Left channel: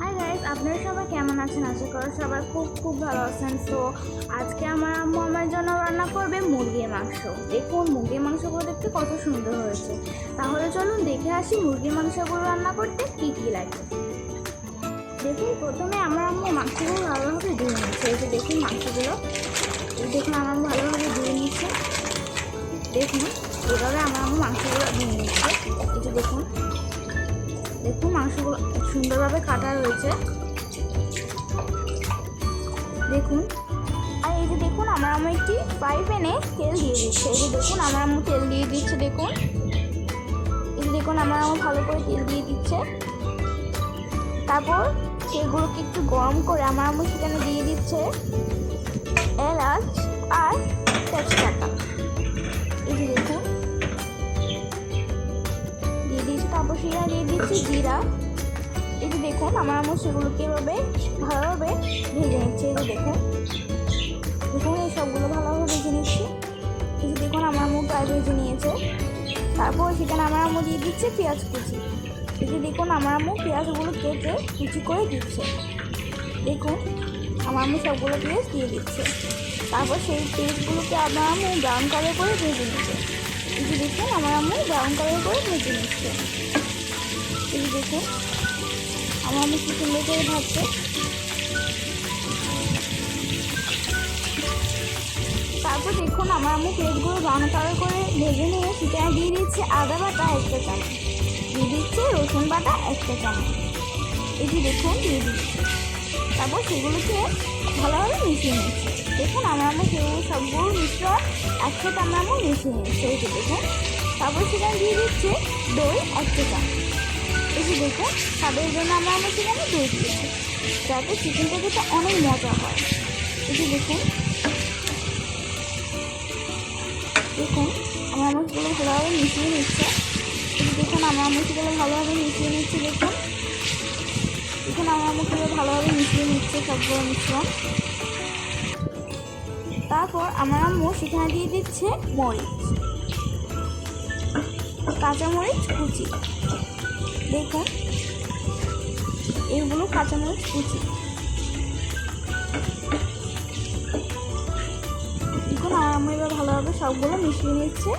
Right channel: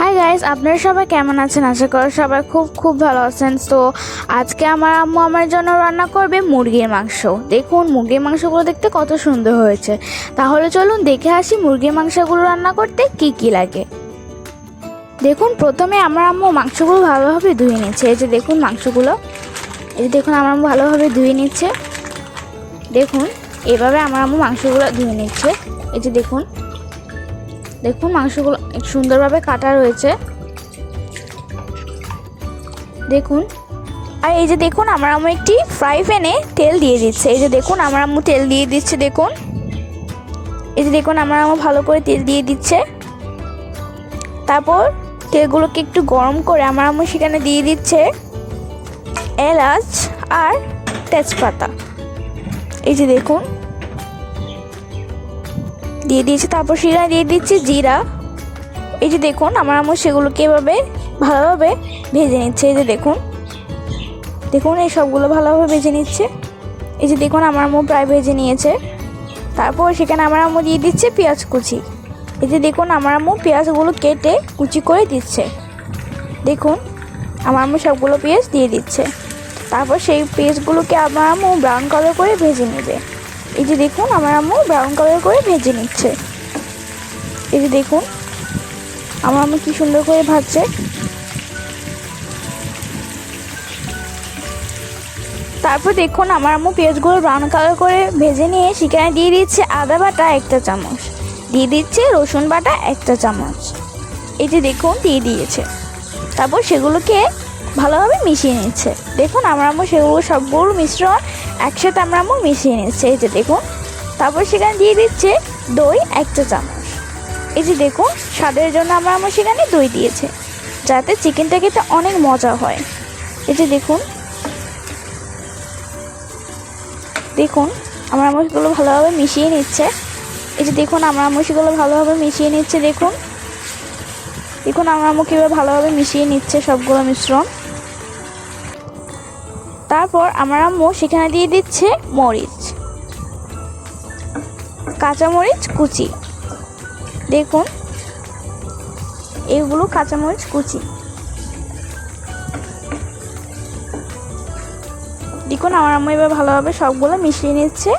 Hi guys, আপনারা সবাই কেমন আছেন? আশা করি সবাই খুব ভালো আছেন। তো আজকে আমার আম্মু আমার জন্য রান্না করবে মুরগির মাংস। দেখুন মুরগির মাংসগুলো দেখতে কত সুন্দর হয়েছে। তাহলে চলুন দেখে আসি মুরগির মাংসগুলো রান্না করতে কি কি লাগে। দেখুন প্রথমে আমার আম্মু মাংসগুলো ভালোভাবে ধুয়ে নিচ্ছে। এই যে দেখুন মাংসগুলো, এই যে দেখুন আমার আম্মু ভালোভাবে ধুয়ে নিচ্ছে। দেখুন এভাবে আমার আম্মু মাংসগুলো ধুয়ে নিচ্ছে। এই যে দেখুন দেখুন মাংসগুলো সুন্দরভাবে কাটা রয়েছে। দেখুন আর এই যে দেখুন আমার আম্মু একটি ফ্রাই প্যানে তেল দিয়ে দিচ্ছে। এই যে দেখুন আমার আম্মু তেল দিয়ে দিচ্ছে। দেখুন এই যে দেখুন আমার আম্মু ভালো করে তেল দিয়ে দিচ্ছে। তারপর তেলগুলোকে একটু গরম করে আমার আম্মু সেখানে দিয়ে দিচ্ছে এলাচ আর তেজপাতা। এই যে দেখুন দিয়ে দিয়েছে। তারপর সেখানে দিয়ে দিচ্ছে জিরা। এই যে দেখুন আমার আম্মু সেগুলোকে এভাবে ভালোভাবে ভেজে নিচ্ছে। এই যে দেখুন দেখুন এই সবগুলো ভালোভাবে ভেজে নিচ্ছে। এই যে দেখুন আমার আম্মু প্রায় ভেজে নিয়েছে। তারপর সেখানে আমার আম্মু দিয়ে দিচ্ছে পেঁয়াজ কুচি। এই যে দেখুন আমার আম্মু পেঁয়াজগুলো কেটে কুচি করে দিচ্ছে। দেখুন আমার আম্মু সবগুলো পেঁয়াজ দিয়ে দিচ্ছে। তারপর সেই পেঁয়াজগুলোকে আমার আম্মু ব্রাউন কালার করে ভেজে নেবে। এই যে দেখুন আমার আম্মু ব্রাউন কালার করে ভেজে নিচ্ছে। এই যে দেখুন আমার আম্মু কি সুন্দর করে ভাজছে। তারপর দেখুন আমার আম্মু পেঁয়াজগুলো ব্রাউন কালার করে ভেজে নিয়ে সেখানে দিয়ে দিচ্ছে আদা বাটা 1 চামচ, দিয়ে দিচ্ছে রসুন বাটা 1 চামচ। এই যে দেখুন দিয়ে দিয়েছে। তারপর সেগুলোকে ভালোভাবে মিশিয়ে নিচ্ছে। দেখুন আমার আম্মু সেগুলো সবগুলো মিশ্রণ একসাথে আমার আম্মু মিশিয়ে নিচ্ছে। এই যে দেখুন তারপর সেখানে দিয়ে দিচ্ছে দই 1 চামচ। এই যে দেখুন স্বাদের জন্য আমার আম্মু সেখানে দই দিয়েছে যাতে চিকেনটা খেতে অনেক মজা হয়। এই যে দেখুন দেখুন আমার আম্মু সেগুলো ভালোভাবে মিশিয়ে নিচ্ছে। এই যে দেখুন আমার আম্মু সেগুলো ভালোভাবে মিশিয়ে নিচ্ছে। দেখুন দেখুন আমার আম্মু কীভাবে ভালোভাবে মিশিয়ে নিচ্ছে সবগুলো মিশ্রণ। তারপর আমার আম্মু সেখানে দিয়ে দিচ্ছে মরিচ, কাঁচামরিচ কুচি। দেখুন এইগুলো কাঁচামরিচ কুচি। দেখুন আমার আম্মু এবার ভালোভাবে সবগুলো মিশিয়ে নিচ্ছে।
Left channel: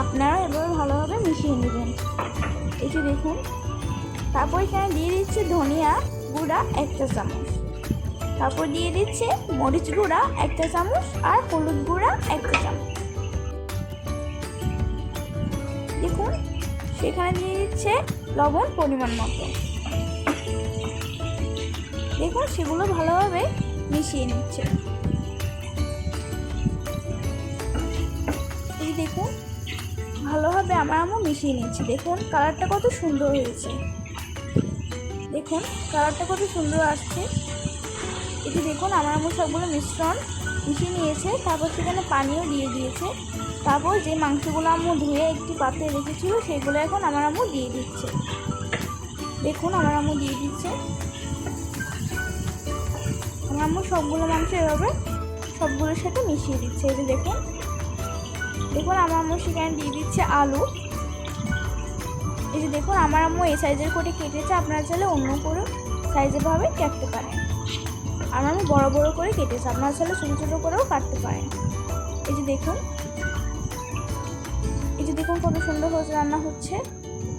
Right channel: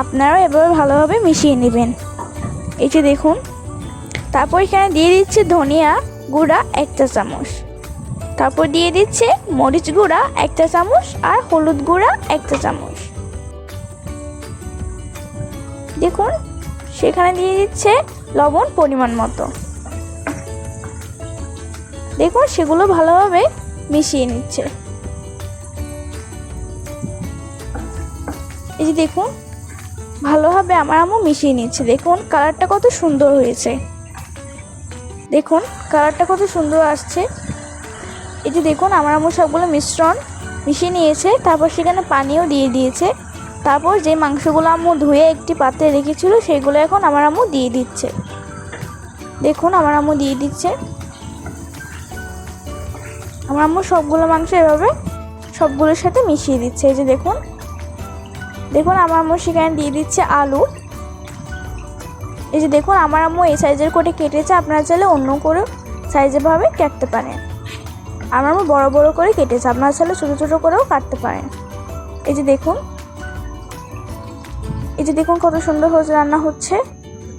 আপনারাও এভাবে ভালোভাবে মিশিয়ে নেবেন। এই যে দেখুন তারপর এখানে দিয়ে দিচ্ছে ধনিয়া গুঁড়া 1 চামচ। তারপর দিয়ে দিচ্ছে মরিচ গুঁড়া 1 চামচ আর হলুদ গুঁড়া 1 চামচ। দেখুন সেখানে দিয়ে দিচ্ছে লবণ পরিমাণ মতো। দেখুন সেগুলো ভালোভাবে মিশিয়ে নিচ্ছে। এই যে দেখুন ভালোভাবে আমার আম্মু মিশিয়ে নিচ্ছে। দেখুন কালারটা কত সুন্দর হয়েছে। দেখুন কালারটা কত সুন্দর আসছে। এই যে দেখুন আমার আম্মু সবগুলো মিশ্রণ মিশিয়ে নিয়েছে। তারপর সেখানে পানিও দিয়ে দিয়েছে। তারপর যে মাংসগুলো আম্মু ধুয়ে একটি পাত্রে রেখেছিল সেগুলো এখন আমার আম্মু দিয়ে দিচ্ছে। দেখুন আমার আম্মু দিয়ে দিচ্ছে। আমার আম্মু সবগুলো মাংস এভাবে সবগুলোর সাথে মিশিয়ে দিচ্ছে। এই যে দেখুন দেখুন আমার আম্মু সেখানে দিয়ে দিচ্ছে আলু। এই যে দেখুন আমার আম্মু এই সাইজের করে কেটেছে। আপনারা চাইলে অন্য করে সাইজের ভাবে কাটতে পারেন। আমার আম্মু বড় বড় করে কেটেছে, আপনারা চাইলে ছোটো ছোটো করেও কাটতে পারেন। এই যে দেখুন এই যে দেখুন কত সুন্দর হচ্ছে রান্না হচ্ছে।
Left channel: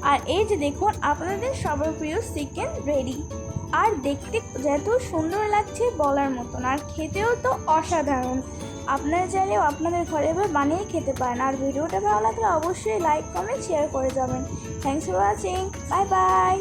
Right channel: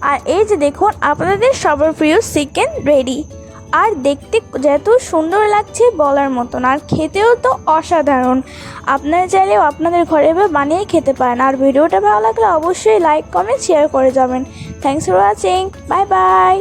আর এই যে দেখুন আপনাদের সবার প্রিয় চিকেন রেডি। আর দেখতে যেত সুন্দর লাগছে বলার মতন, আর খেতেও তো অসাধারণ। আপনারা চাইলেও আপনাদের ঘরে বানিয়ে খেতে পারেন। আর ভিডিওটা ভালো লাগলে অবশ্যই লাইক কমেন্ট শেয়ার করে যাবেন। Thanks for watching. Bye bye.